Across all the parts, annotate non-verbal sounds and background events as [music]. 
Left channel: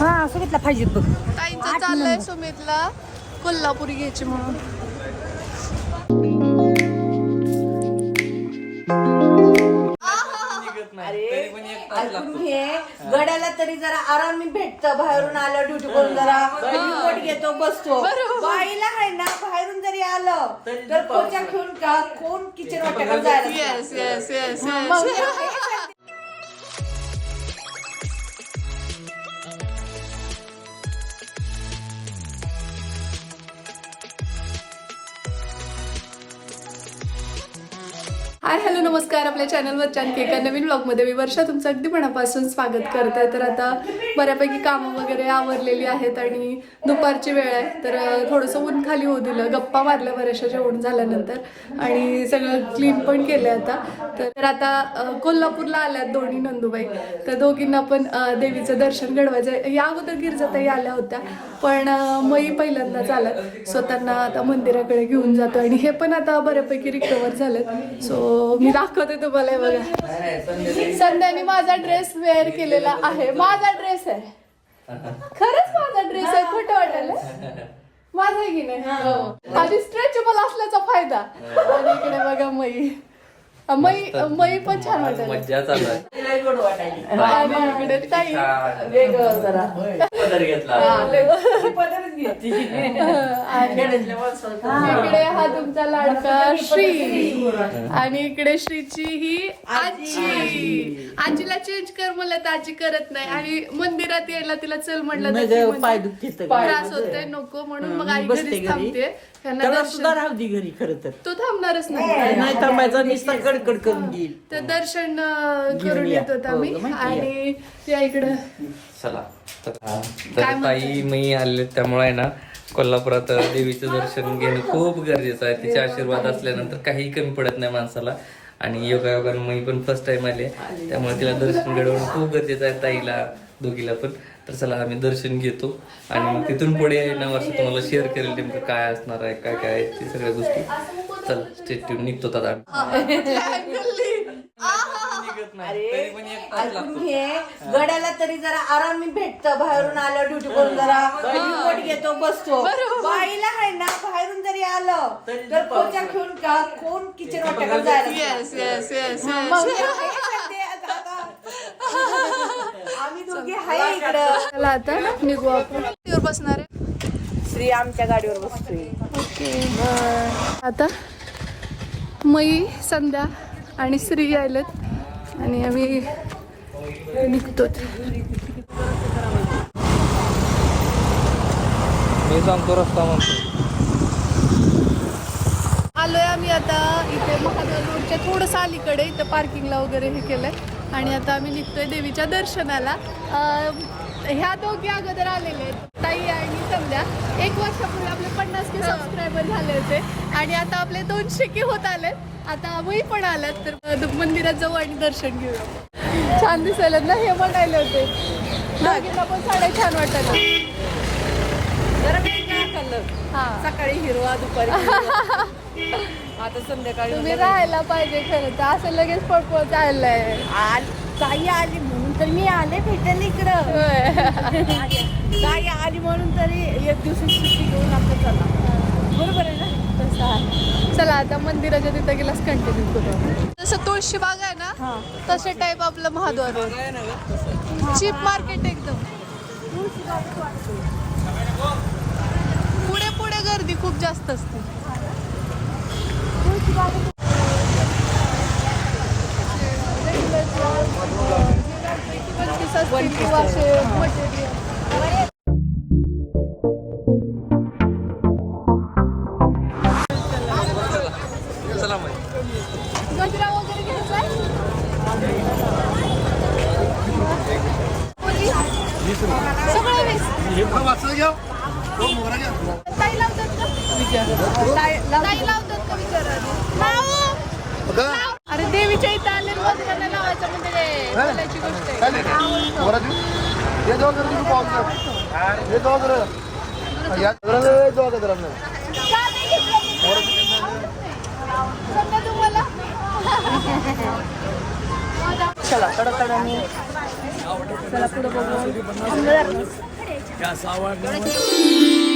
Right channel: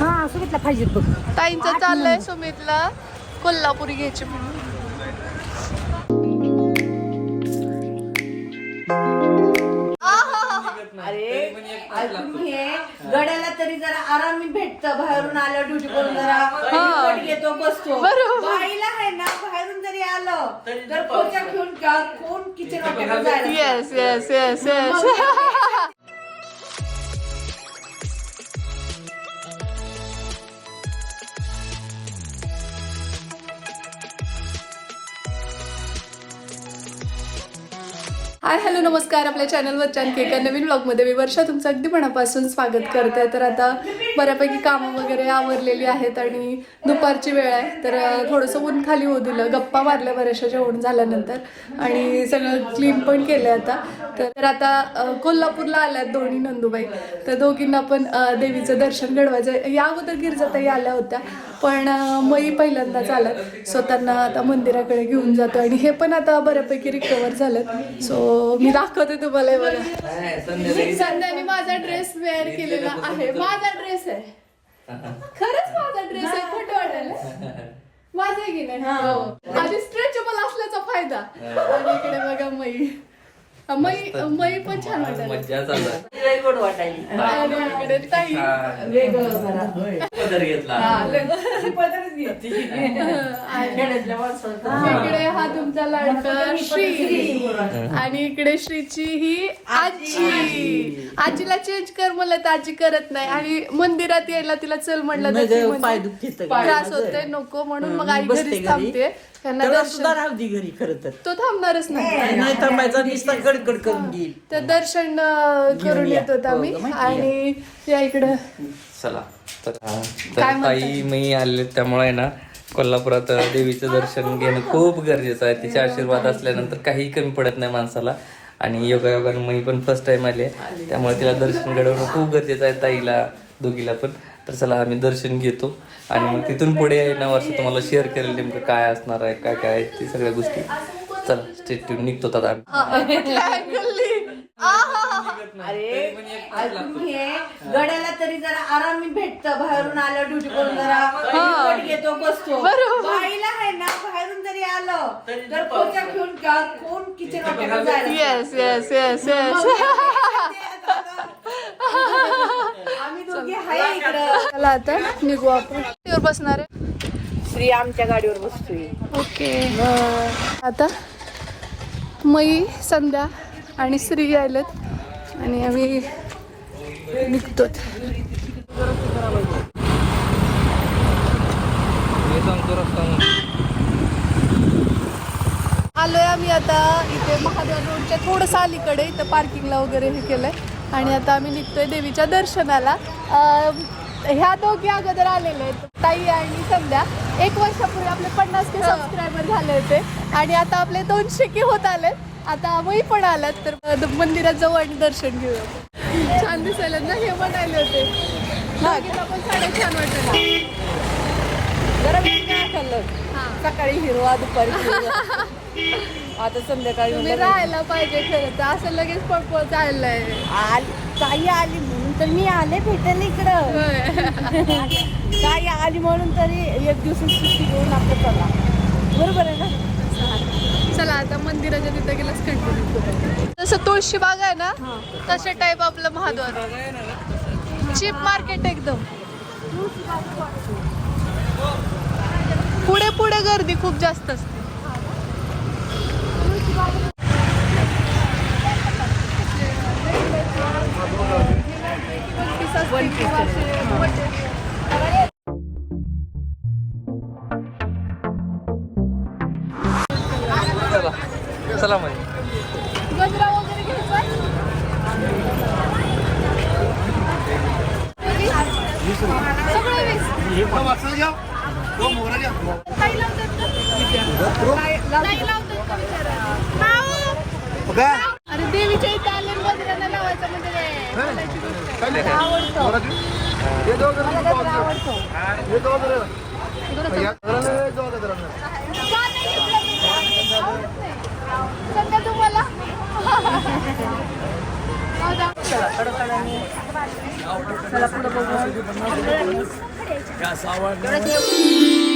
हा सुमितला पाहिजे बघ. ताईंचं चाललंय सुमितला. कोल्हापुरी घ्यायची म्हणून. ऐकून घे. गड्याला तरी जरा आरामी भेटत. बाहेरून आलं ड्युटी करून जरा रिपोर्ट घेतो बसतो. बाईला आहे ना बाहेरून जरी आलं तर खोच्या घेऊन का कोण किचन वाट्याकडे जायला yes yes yes yes hi hello नमस्कार. आपल्या चॅनलवर आणखी एका नवीन ब्लॉगमध्ये मी वर्षा. तुमचं अगदी मनापासून स्वागत करते. तर आता बऱ्यापैकी कामं वगैरे आवरलेली आहेत आणि दुपारची वेळ आहे. तर थोडंसं ऊन खाली होऊ दिलं. गप्पा मारल्या बऱ्याचशा जेवण झाल्यानंतर. आणि सगळं क्लीन पण केलं आता. तर आता कोल्हापूरला आल्यात दोन्ही नंदूबाई. तर दोघींना पण देवीचं दर्शन घडवायचं या अगोदर गिरजाताई आल्या होत्या. पण मई पहिल्यांदाच आल्यात. सो त्यांना आता मंदिराकडे घेऊन जातो आणि हे पण आता बऱ्यापैकी रिकवर झालं. सो मी दाखवते तुम्हाला हे बघा. संध्याने माझा ड्रेस वेअर केलेला आहे. माझा ड्रेस आहे. खरंच माझा ड्रेस आहे. खोटं वाटेल माझा आहे की नाही? हो. आधी स्ट्रेचेबल असल्याचा फायदा. आणि इकडे बघा मई. अं, मई मई पण छान वाटत मज्जा चालू आहे. गोड वाटायला. इकडे ताई. वेगळं जरा. पदर घेतला. [laughs] इकडे हा तुमचा लाडका श्री. आणि इकडे श्रीची ही आजी. आजीला चेंज कर म्हणलं तर आजी करत नाही. आणि मंदिरात यायला तिला चल म्हणलं तर त्रास होते नको म्हणून मग आई घरीच थांबते. त्यांना त्याला दर्शन सुद्धा राहू दे घरी खरं तर. तो थांबणारच नाही. नाही थांबायचा नुसता कडकड करून घेईल तर दर्शन अं, करून येत होता मी आणि त्या इकडं. चला. तर तर ताई मी आले त्यामुळे आहे ना कोल्हापुरात देवीचं दर्शन घेणं खूप गरजेचं आहे. तिचे आशीर्वाद असल्यानंतर काही कमी पडत नाही माणसाला. आणि योगायोगानं मी पण फर्स्ट टाइम आले. त्यामुळे तिला दर्शन घडवणं खूप गरजेचं आहे ताईला. दोघीला पण. तर चला आम्ही दर्शन घेतो. आणि मग तिथून पुढे ना वर्ष तुम्हाला शेअर करेल नेमकं काय असणार आहे काय काय आहे ते सगळ्या गोष्टी. चला स्टेट निघतो आता ऐकून घे. गड्याला तरी जरा आरामी भेटत बाहेरून आलं ड्युटी करून जरा. घेतो बसतो. बाईला आहे ना बाहेरून जरी आलं तर खोच्या घेऊन का कोण किचन वाट्याकडे जायला येस येस येस येस आम्ही दोघी आहे इकडं. चला आता निघू आपण. बसणार आहे. श्री आमच्या गाडीवर बसतोय. ओके. आता मई संध्या आणि श्री आलेत. आणि आम्ही निघतो आलोय आम्ही आता इथे महाद्वार रोडच्या थोडंसं अलीकडे इथं पार्किंगला वगैरे हे केलंय. आणि आता आम्ही निघतोय देवीच्या दर्शनाला. ह्या दोघी अगोदर आलेले आहेत. ताई आणि संध्या. एक वर्षापूर्वी आपले पन्नास के सबस्क्रायबर झाले होते. आणि आता आपले दोनशे के होत आलेत. आता मी पण आल्यात तर मंदिरात जाऊ आणि दर्शन घेऊया. छान दिसायला ना हे म्हणायला होते. पण साड्या छान वाटत खाल्लं हा. सकाळी हिरवा दुपारी. [laughs] आता संध्याकाळी तुम्ही राहायला पाहिजे खरं तर असं लगेच पळपळ चाललंय. आली ताई आली म्हणून तर मी आले भेटायला इकडं. ताई आली म्हणून तरी एक दिवस सुट्टी घेऊन आपलं चला. बरोबर आहे ना? तसं आहे. चला आता मंदिराच्या तिथं गेलास कंटिन्यू करू. जसं तुळशी बाग आहे ना तसे टाईप आपलं महाद्वार. चीप मार्केट एकदम. पुढे पुढे गर्दी खूप जास्त असते. सगळं. वीस. ताई लावतात का? ताई- ताई लावतात का विचारा? लावा. अरे देवीच्या इथं आले गजऱ्याला लावायचं म्हणजे ते बोलायची गोष्ट आहे. आवडतो. का नाही घेतलं तुम्ही? आवडत. नाही. सध्या तुम्हाला. [laughs] तर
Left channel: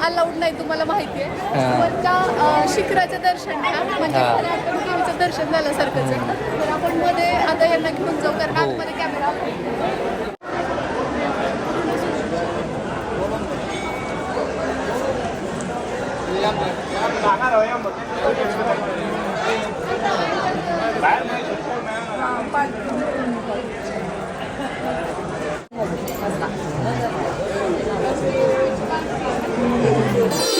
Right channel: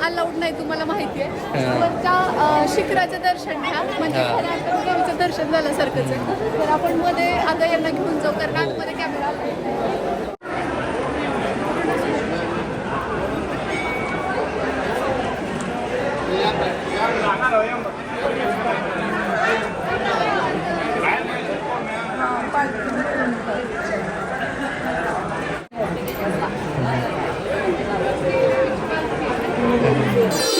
अलाउड नाही तुम्हाला माहिती आहे. हा. शिखराचं दर्शन घ्या. म्हणजे हा. अर्थाने देवीचं दर्शन झाल्यासारखंच आहे. तर आपण मध्ये आता यांना घेऊन जाऊ कारण आतमध्ये कॅमेरा आला. कसं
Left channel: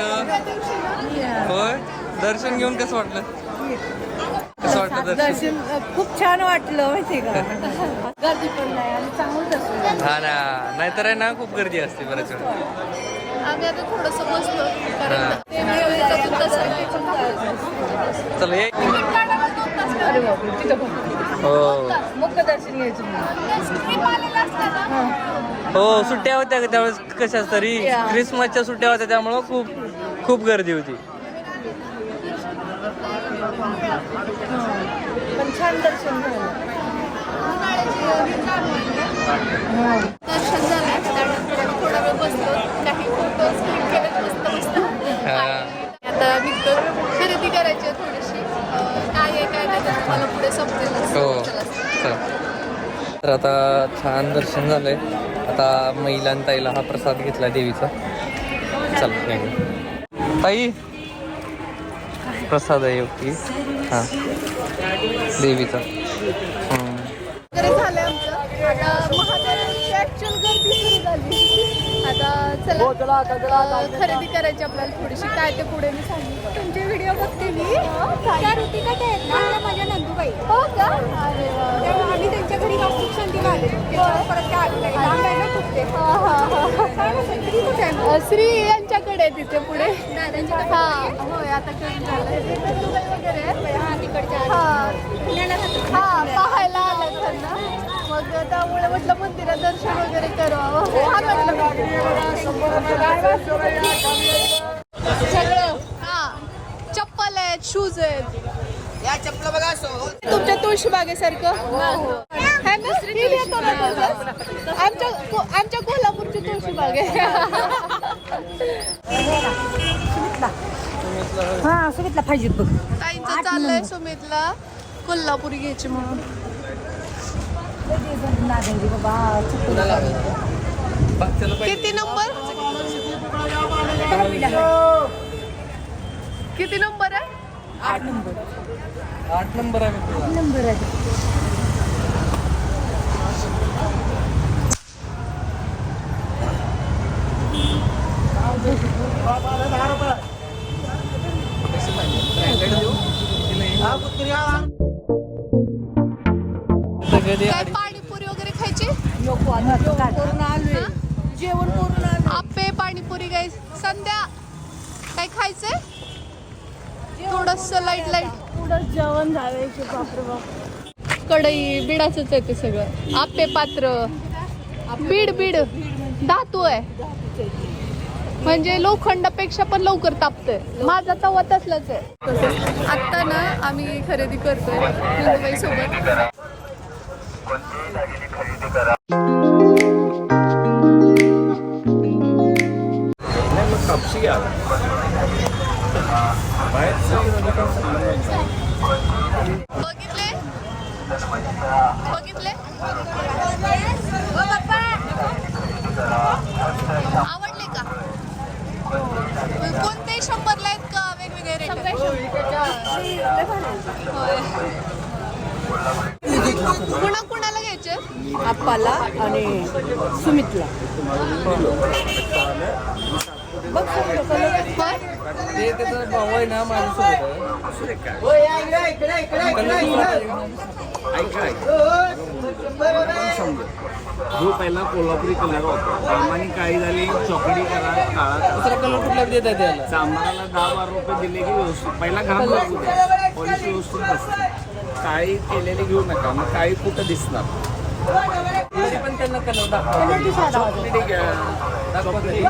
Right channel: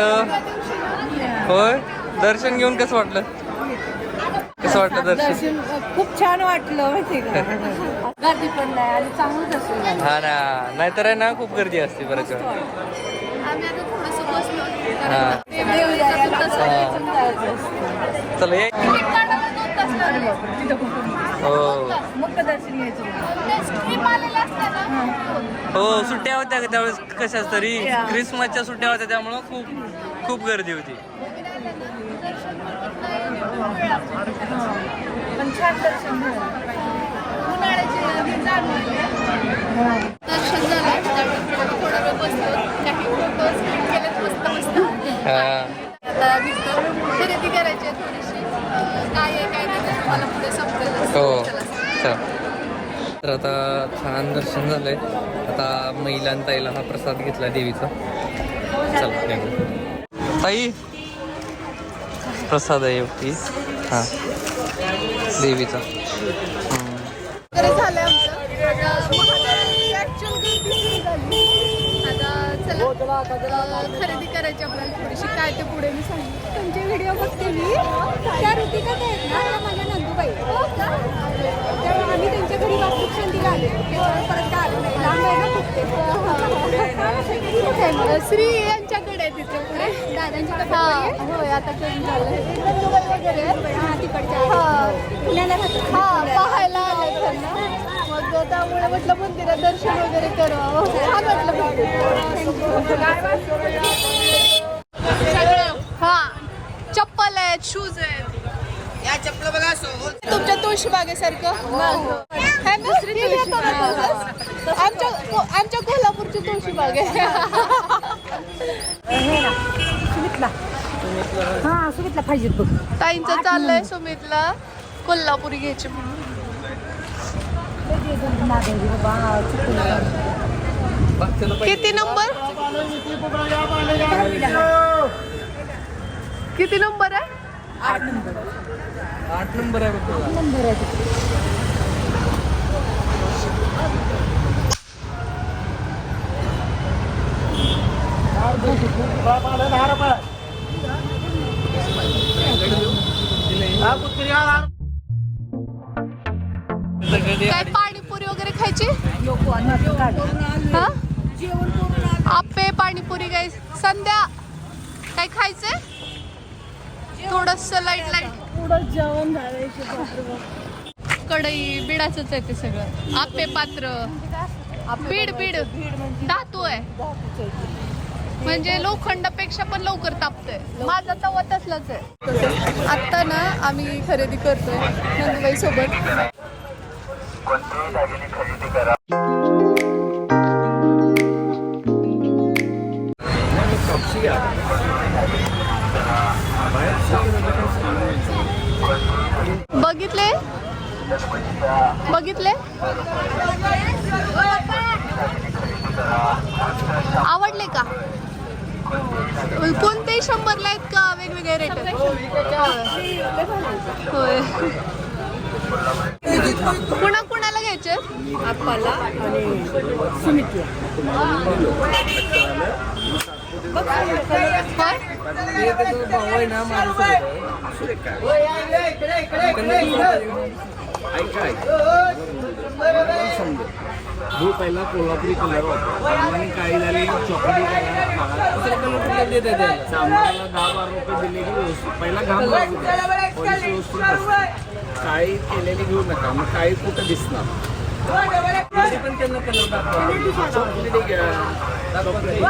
वाटलं? होय? दर्शन घेऊन कसं वाटलं? कसं वाटलं दर्शन? दर्शन खूप छान वाटलं का? [laughs] गर्दी पण नाही आणि चांगलं दर्शन झालं हा ना. नाहीतर आहे ना खूप गर्दी असते हा. पण दर्शन चला ये. हो. मुख्य दर्शन घ्यायचं हो सुट्ट्या होत्या का त्यावेळेस? कशा तरी? क्रिसमसच्या सुट्ट्या होत्या त्यामुळं खूप खूप गर्दी होती. आता निघतो खरेदी करायची थोडीशी. हो. चला. तर आता छान दर्शन झालंय. आता महिलांताईला हा प्रसाद घेतला देवीचा. चला निघूया. ताई! प्रसाद आहे ओके हा. देवीचा. झालं आमचं. आता महादेवाची ऍक्च्युअल गर्दी सुरू झाली आता चला खरेदी करायची आपल्याला थोडीशी काय ते पुढे मी सांगू तुमचे व्हिडिओ बघते मी. त्या ऋतिकात आहेत ना त्या माझ्या नंदुबाई. हो का. तेव्हा आम्ही त्यांच्या घरी वास्तूक शांतीला आलेलो. त्याच्यावर परत काय आलो नाही. लांब आहे ना खूप ते. हा, हा, हा. किती कुठे आहे श्री यांच्याकडे आहे तिथे पुढे. दादांच्या हा होय आता कमी झालं. नंदुबाई वगैरे हा. हा पाहायला आले त्यांना. मग त्यामुळे म्हटलं मंदिरात दर्शन वगैरे करावं. छान वाटलं हा चप्पल आहेत शूज आहेत. तुमच्या तुळशी बागेसारखं? है ना? ही घेतो ना तसंच? आमच्या को- आमच्या कोल्हापूरची तुळशी बाग आहे. हा सुमितला पाहिजे बघ. ताईंचं चाललंय सुमितला. कोल्हापुरी घ्यायची म्हणून. किती नंबर? किती नंबर आहे? आठ नंबर. तुझा. नंबर आहे. पाणीपुरी काय संध्या काय खायचंय? थोडस लाइट लाइट पुढं जेवण झालंय कढई बिडाच आहे ते सगळं. आप्पे पात्र. बीड बीड. धातू आहे. म्हणजे लोखंडापेक्षा पण लवकर तापतोय. माझा तवा तसलाच आहे. आता ना आम्ही खरेदी करतोय नंदुबाई सोबत कापशी कोणतेही शंभरला आहेत का वेगवेगळे रेट होय. कुणा कुणाला घ्यायचे? आप्पाला आणि सुमितला. ते त्याचं भाऊ आहे ना माझ्यासोबत ऐका ऐका. समजेल जो पहिला कोल्हापुरी कलर होता सामान्य काळी झाली चॉकलेटी करा काळा कुठला देत आहे दहा बारा रुपये दिले की व्यवस्थित. पहिला घाम लागू द्या. पॉलिसी व्यवस्थित असते काळी केलेली घेऊ नका मग काळी कुठं दिसणार? पण त्यांना कलर दाखवा. चॉकलेटी घ्या. चॉकलेटी.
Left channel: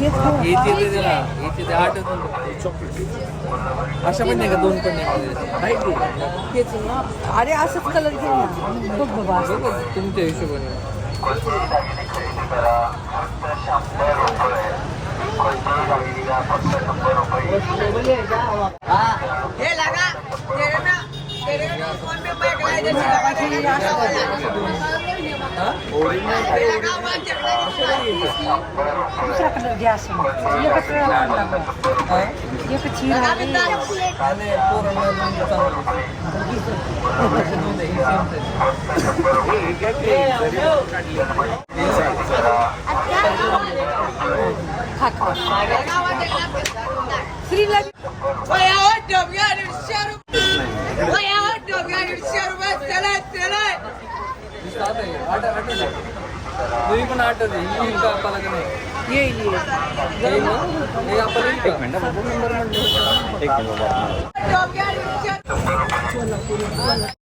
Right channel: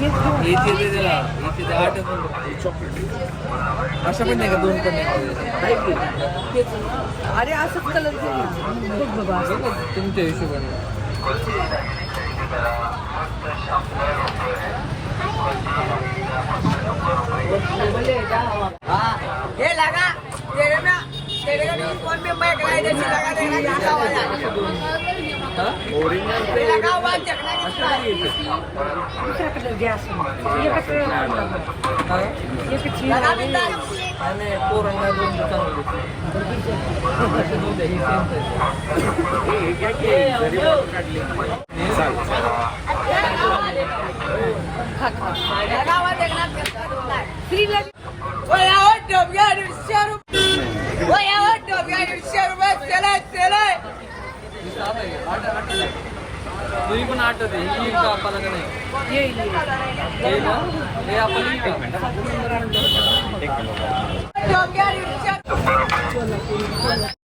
इथे दे त्याला इथे दे आठ चॉकलेटी अशा पण नाही का दोन पण नाही आहे की अरे असंच कलर घे ना. बघ बाबा बघ तुमच्या हिशोबाने ओरिजिनल ते ओरिजिनल अशा नाही घ्यायचं. हा? काय नाही पोरांना दोन चांगले असे दोन द्या, हे same size. हे हे घ्या की जरी बोट काढली वीस आठ आहे. आठ आठ आहे. तुम्ही पण आठ दे ही येईल का आपल्याला का नाही? येईल येईल येईल ना हे आपल्याला येईल का? एक मिनिट.